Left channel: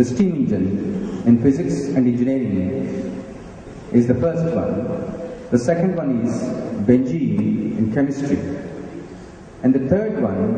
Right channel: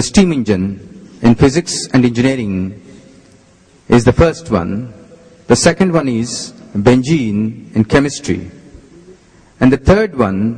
the steam engine in physics and engineering is the first one. The second one is benzene in chemistry. And the third one,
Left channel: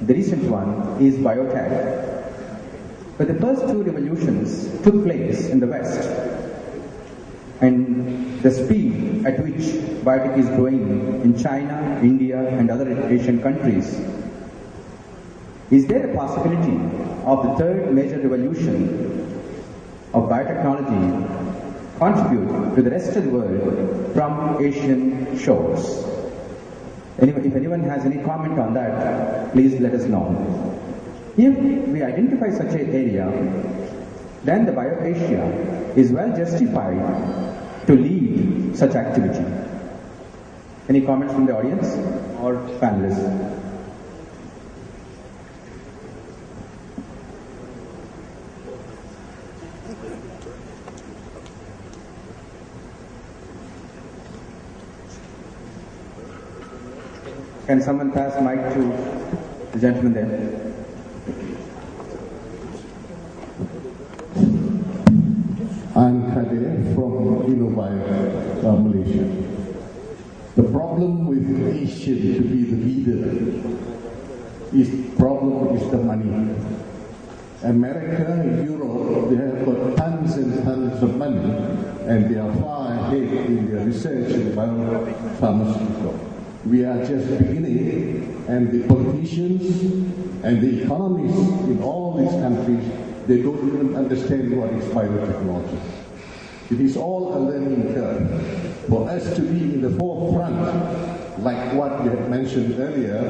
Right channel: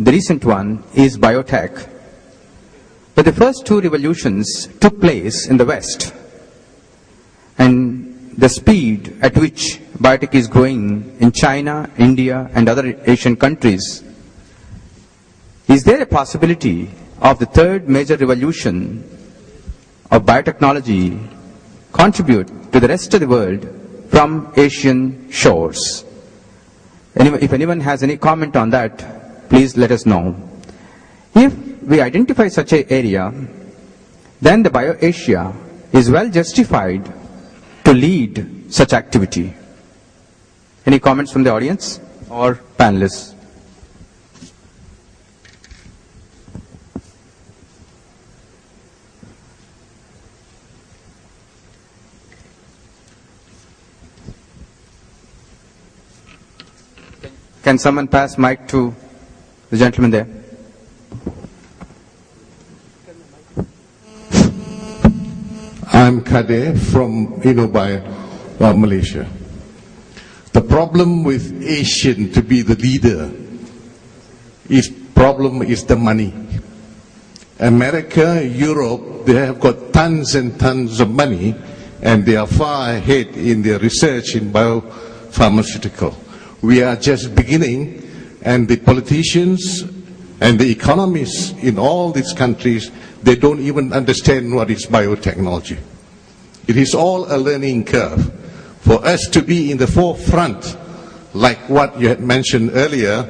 the recent one, is biotech. But the first two revolutions took place in the West. And the speed at which biotech is growing in China, India, and other Asian countries, is there a possibility of the third major revolution of biotechnology contribute to the rest of the world from Asian shores? If anyone has any comment on that, please let us know. If we identify such an area, then the BioAsia is well justified to lead such activity. Any comments from the audience or panelists? Can someone pass mic to the gentleman there? I'm Kade from Malaysia. The problem with Asian to be the leader is the money. America, Europe, they have got tons and tons of money, and they are far ahead in their research in biopharmaceutical. We are just beginning, and the politicians and the economists in all these countries, they don't even understand what is biotechnology. It is all a learning curve. For us to be in the forefront, like what you had mentioned earlier,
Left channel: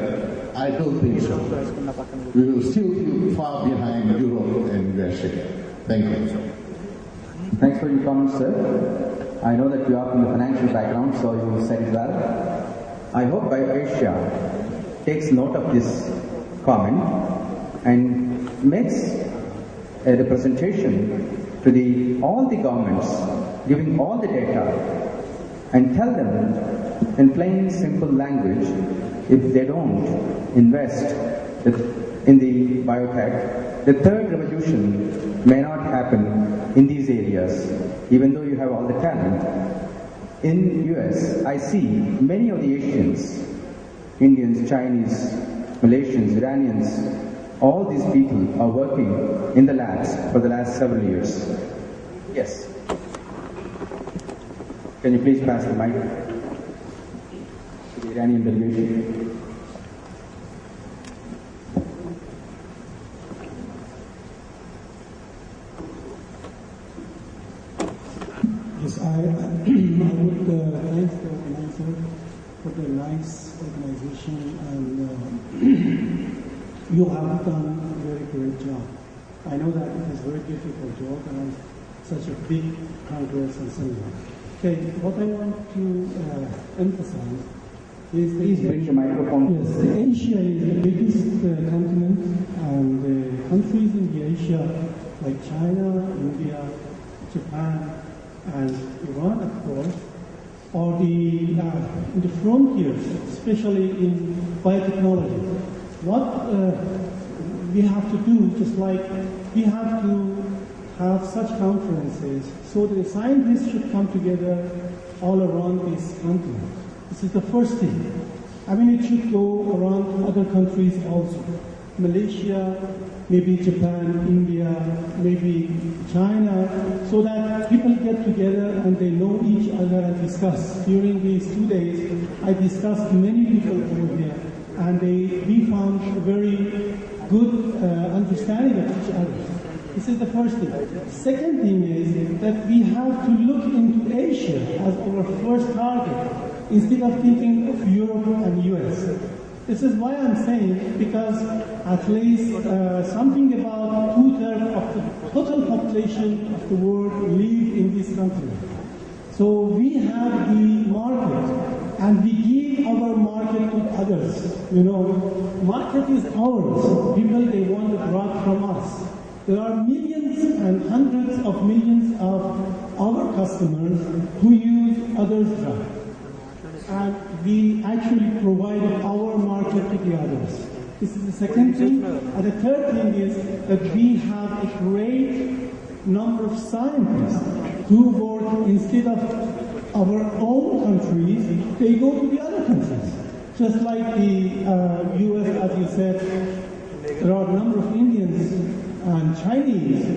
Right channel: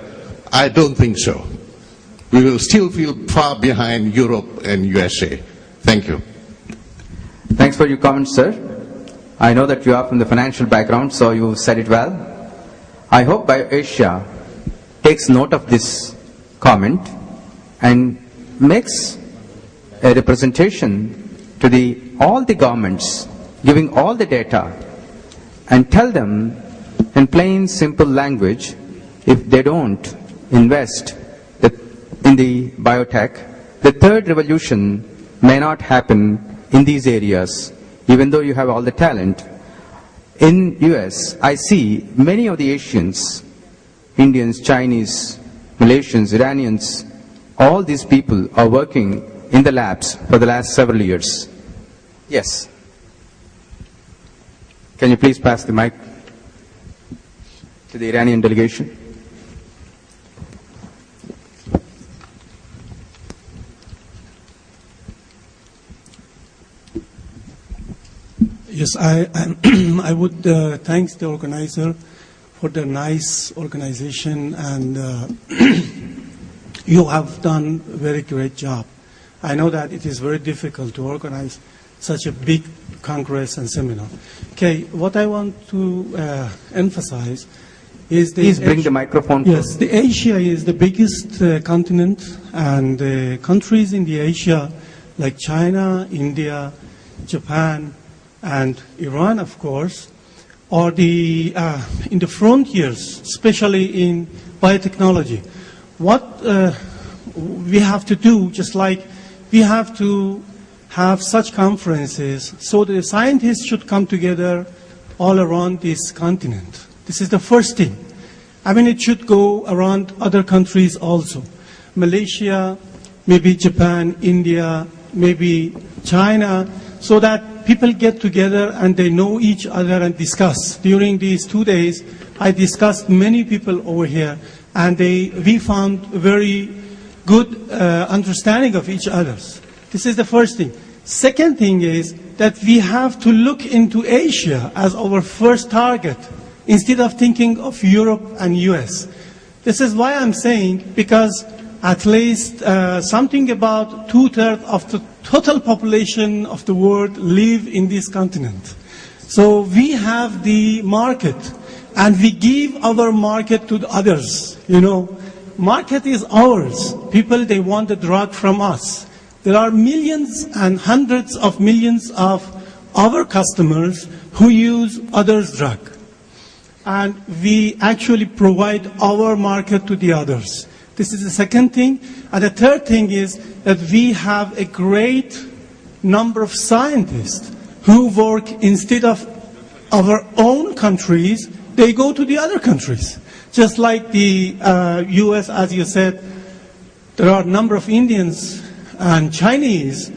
I don't think so. We will still feel far behind Europe and USA. Thank you. Thanks for your comments, sir. I know that you are from the financial background, so you said it well. I hope BioAsia takes note of this comment and makes a representation to all the governments, giving all the data, and tell them in plain, simple language, if they don't invest in the biotech, the third revolution may not happen in these areas, even though you have all the talent. In US, I see many of the Asians, Indians, Chinese, Malaysians, Iranians, all these people are working in the labs for the last several years. Yes. Can you please pass the mic to the Iranian delegation? Yes, I would thank the organizer for the nice organization, and you have done a very great job. I know that it is very difficult to organize such a big congress and seminar. Okay, what I want to emphasize is please bring the microphone. Yes, the Asia is the biggest continent, and the countries in the Asia like China, India, Japan, and Iran, of course, are in the frontiers, especially in biotechnology. What we have to do, just like we have to have such conferences, so the scientists should come together all around this continent. This is the first thing. I mean, it should go around other countries also. Malaysia, maybe Japan, India, maybe China, so that people get together and they know each other and discuss. During these 2 days, I discussed many people over here, and we found very good understanding of each other. This is the first thing. Second thing is that we have to look into Asia as our first target, instead of thinking of Europe and US. This is why I'm saying, because at least something about 2/3 of the total population of the world live in this continent. So we have the market, and we give our market to the others. Market is ours. People, they want the drug from us. There are millions and hundreds of millions of our customers who use others' drug. And we actually provide our market to the others. This is the second thing. And the third thing is that we have a great number of scientists who work instead of our own countries, they go to the other countries. Just like the US, as you said, there are a number of Indians and Chinese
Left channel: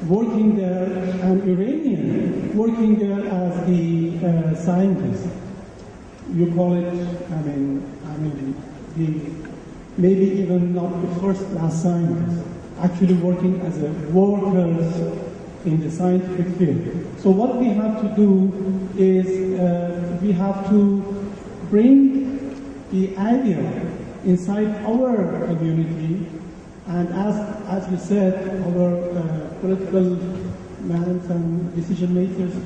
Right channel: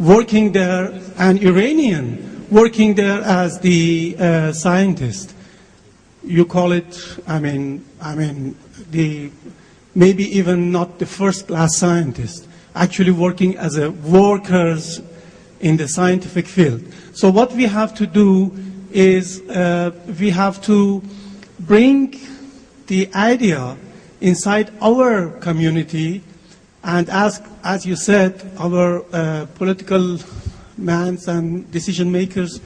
working there, and Iranian working there as the scientist. You call it, maybe even not the first-class scientist, actually working as a workers in the scientific field. So what we have to do is we have to bring the idea inside our community, and as you said, our political mans and decision makers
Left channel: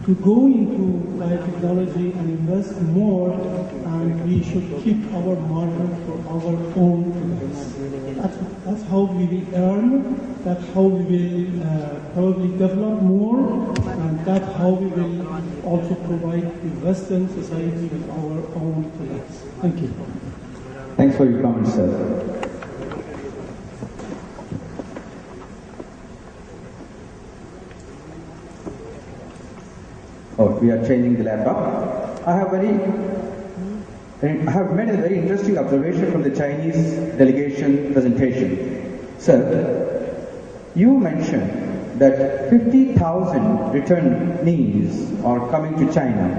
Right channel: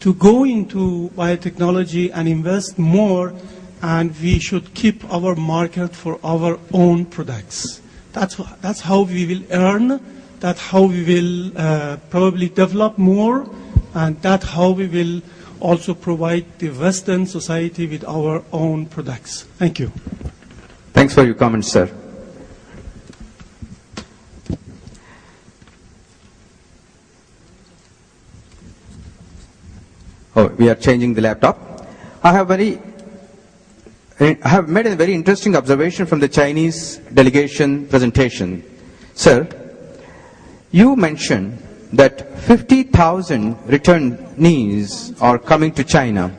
to go into biotechnology and invest more, and we should keep our market for our own products. That's how we will earn, that's how we will probably develop more, and that's how we will also provide the Western society with our own products. Thank you. Thanks for your comments, sir. Oh, we are changing the laptop. I have made a very interesting observation from the Chinese delegation presentation. Sir, you mentioned that 50,000 returnees are coming to China.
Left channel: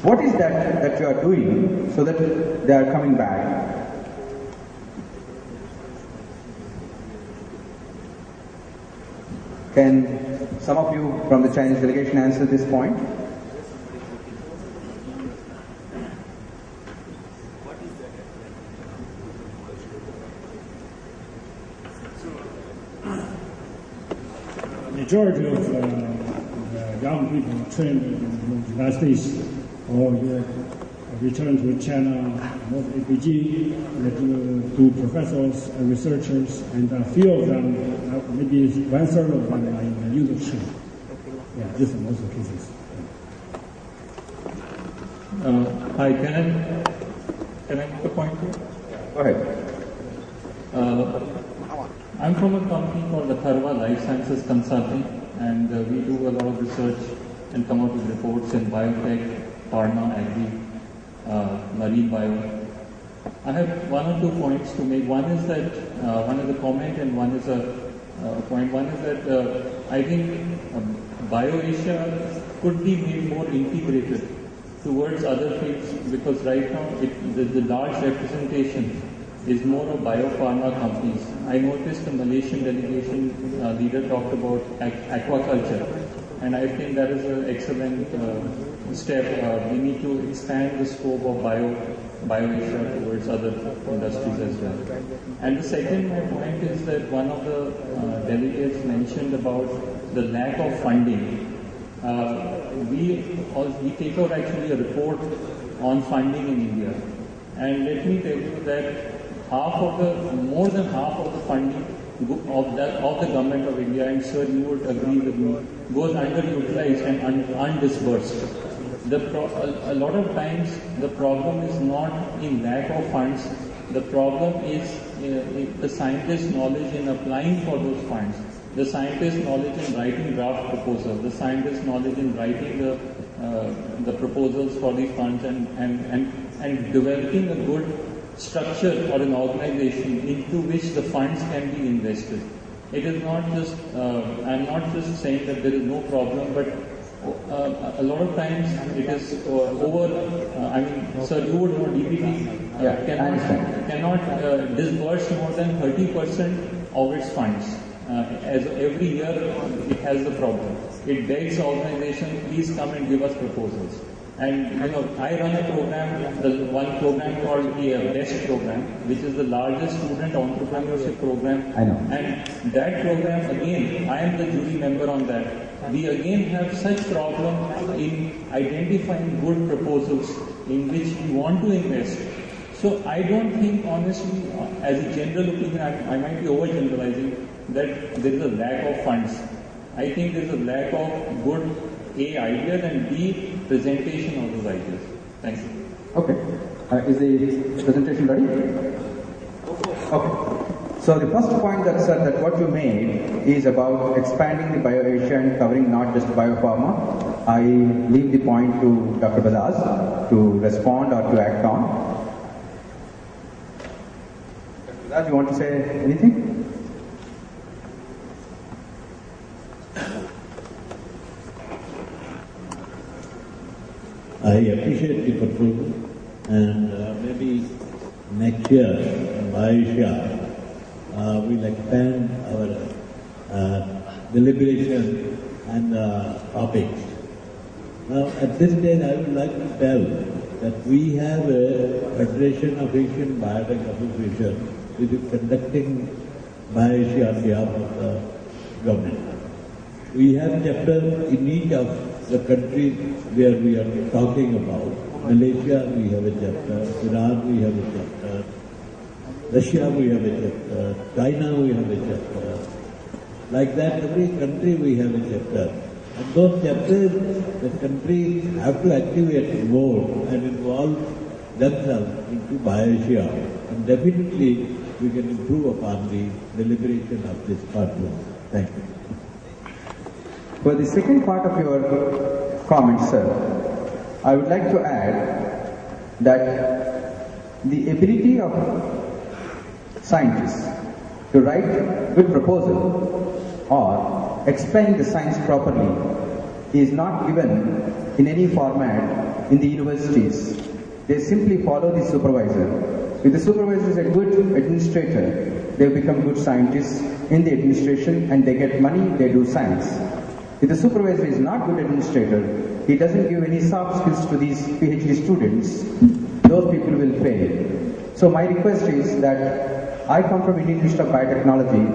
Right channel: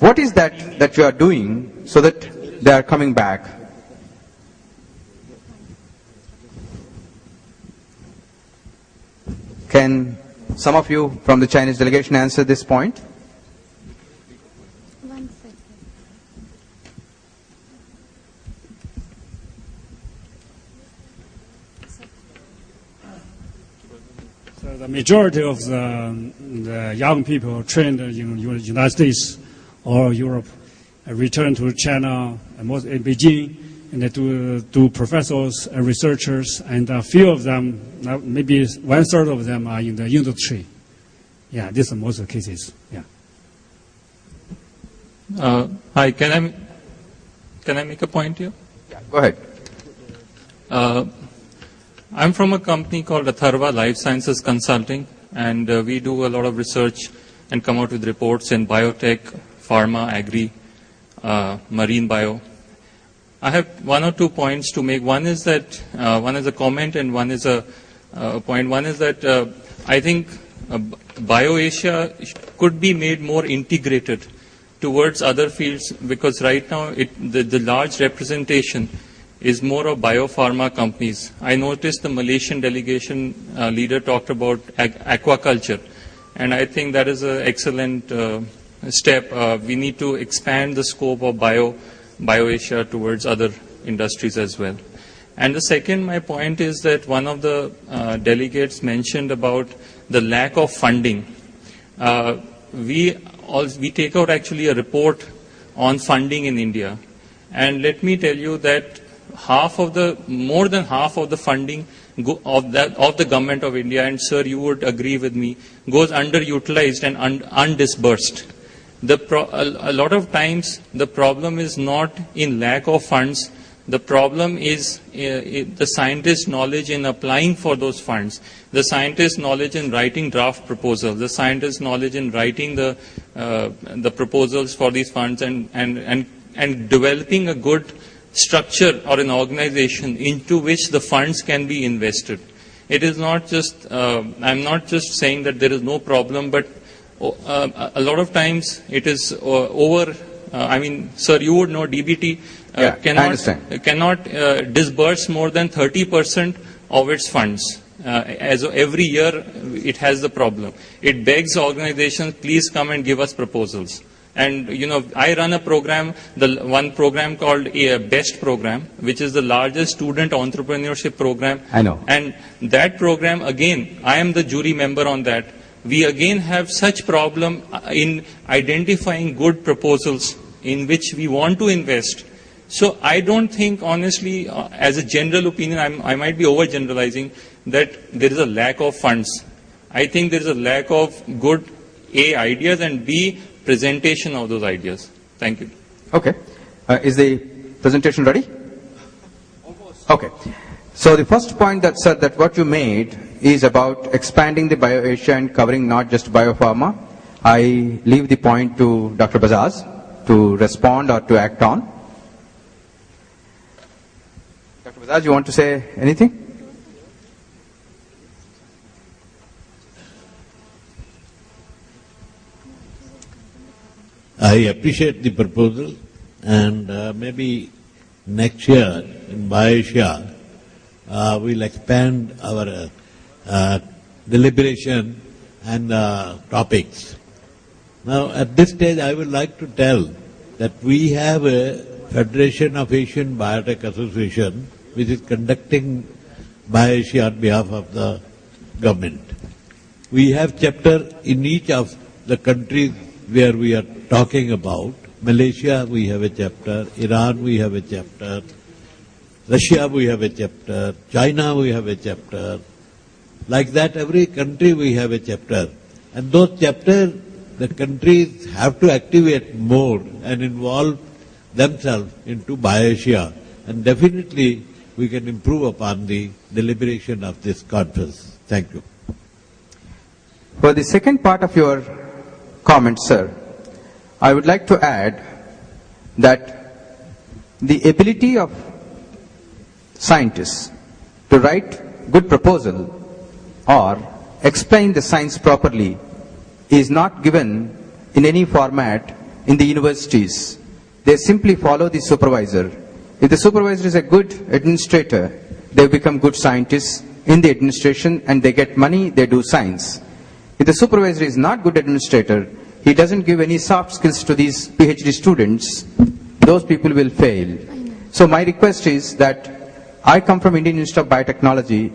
What is that you are doing so that they are coming back? Can some of you from the Chinese delegation answer this point? The majority of the young people trained in the United States or Europe return to China, most in Beijing, and they do professors and researchers, and a few of them, maybe 1/3 of them are in the industry. Yeah, this is most of the cases. Yeah. Hi, can I make a point here? Go ahead. I'm from a company called Hyderabad Life Sciences Consulting, and we do a lot of research and come out with reports in biotech, pharma, agri, marine bio. I have one or 2 points to make. One is that one is a comment and one is a point. One is that I think BioAsia could be made more integrated towards other fields, because right now the large representation is more of biopharma companies. I noticed the Malaysian delegation leader talked about aquaculture, and I think that is an excellent step. We need to expand the scope of BioAsia towards other industries as well. And the second, my point is that one of the delegates mentioned about the lack of funding. We take out actually a report on funding in India, and let me tell you that more than half of the funding of the government of India, and sir, you would agree with me, goes underutilized and undisbursed. A lot of times the problem is not in lack of funds. The problem is the scientist's knowledge in applying for those funds, the scientist's knowledge in writing draft proposals, the scientist's knowledge in writing the proposals for these funds, and developing a good structure or an organization into which the funds can be invested. It is not just, I'm not just saying that there is no problem, but a lot of times it is sir, you would know DBT cannot disburse more than 30% of its funds. As every year it has the problem. It begs organizations, please come and give us proposals. And I run a program, one program called a BEST program, which is the largest student entrepreneurship program. I know. And that program, again, I am the jury member on that. We again have such problem in identifying good proposals in which we want to invest. So I don't think, honestly, as a general opinion, I might be overgeneralizing, that there is a lack of funds. I think there is a lack of good ideas, and B, presentation of those ideas. Thank you. Okay. Is the presentation ready? Okay. So the first point that, sir, that what you made is about expanding the BioAsia and covering not just biopharma. I leave the point to Dr. Bajaj to respond or to act on. Dr. Bajaj, you want to say anything? I appreciate the proposal, and maybe next year in BioAsia we'll expand our deliberation and topics. Now at this stage I would like to tell that we have a Federation of Asian Biotech Association which is conducting BioAsia on behalf of the government. We have chapter in each of the countries where we are talking about. Malaysia we have a chapter, Iran we have a chapter, Russia we have a chapter, China we have a chapter. Like that every country we have a chapter. And those chapters, the countries have to activate more and involve themselves into BioAsia. And definitely we can improve upon the deliberation of this conference. Thank you. For the second part of your comment, sir, I would like to add that the ability of scientists to write good proposal or explain the science properly is not given in any format in the universities. They simply follow the supervisor. If the supervisor is a good administrator, they become good scientists in the administration and they get money, they do science. If the supervisor is not good administrator, he doesn't give any soft skills to these PhD students, those people will fail. So my request is that I come from Indian Institute of Biotechnology.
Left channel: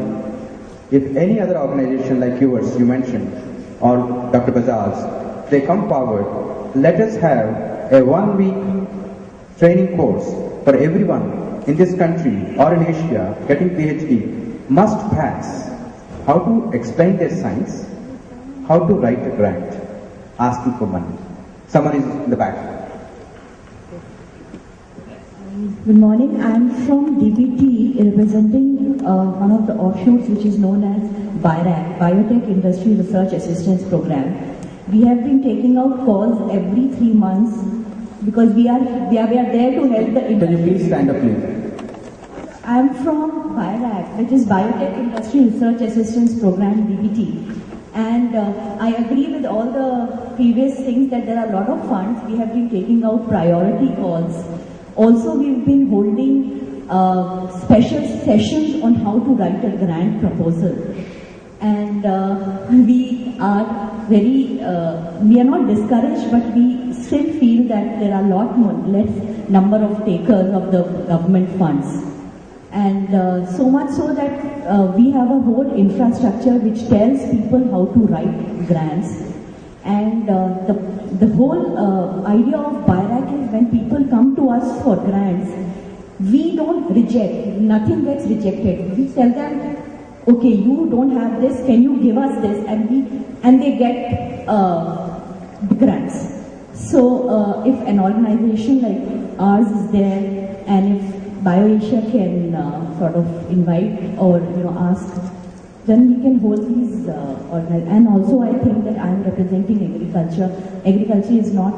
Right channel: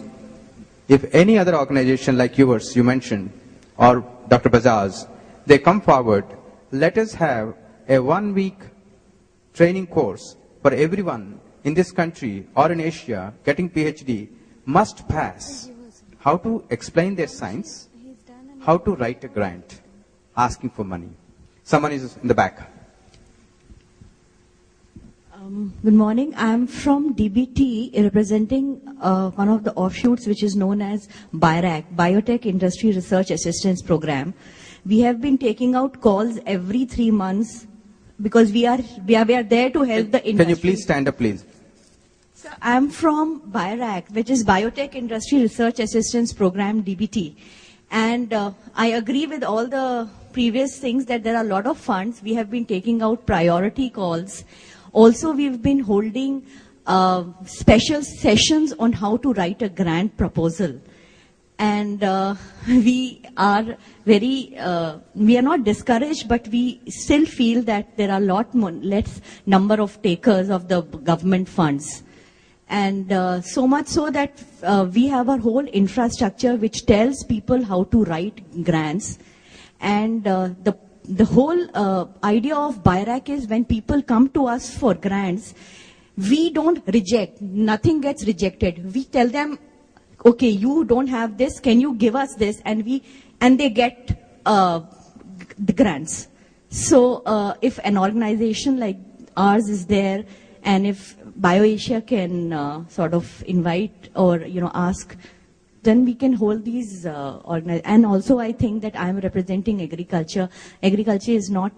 If any other organization like yours, you mentioned, or Dr. Bajaj, they come forward, let us have a 1-week training course for everyone in this country or in Asia getting PhD must pass how to explain their science, how to write a grant, asking for money. Someone is in the back. Good morning. I'm from DBT, representing one of the offshoots which is known as BIRAC, Biotech Industry Research Assistance Program. We have been taking out calls every 3 months because we are there to help the industry. Can you please stand up, please? I'm from BIRAC, which is Biotech Industry Research Assistance Program, DBT. And I agree with all the previous things that there are a lot of funds. We have been taking out priority calls. Also, we've been holding special sessions on how to write a grant proposal. And we are not discouraged, but we still feel that there are a lot more, less number of takers of the government funds. And so much so that we have a whole infrastructure which tells people how to write grants. And the whole idea of BIRAC is when people come to us for grants, we don't reject, nothing gets rejected. We tell them, okay, you don't have this, can you give us this? And they get the grants. So if an organization like ours is there, and if BioAsia can sort of invite or ask, then we can hold these and also I think that I am representing agriculture. Agriculture is not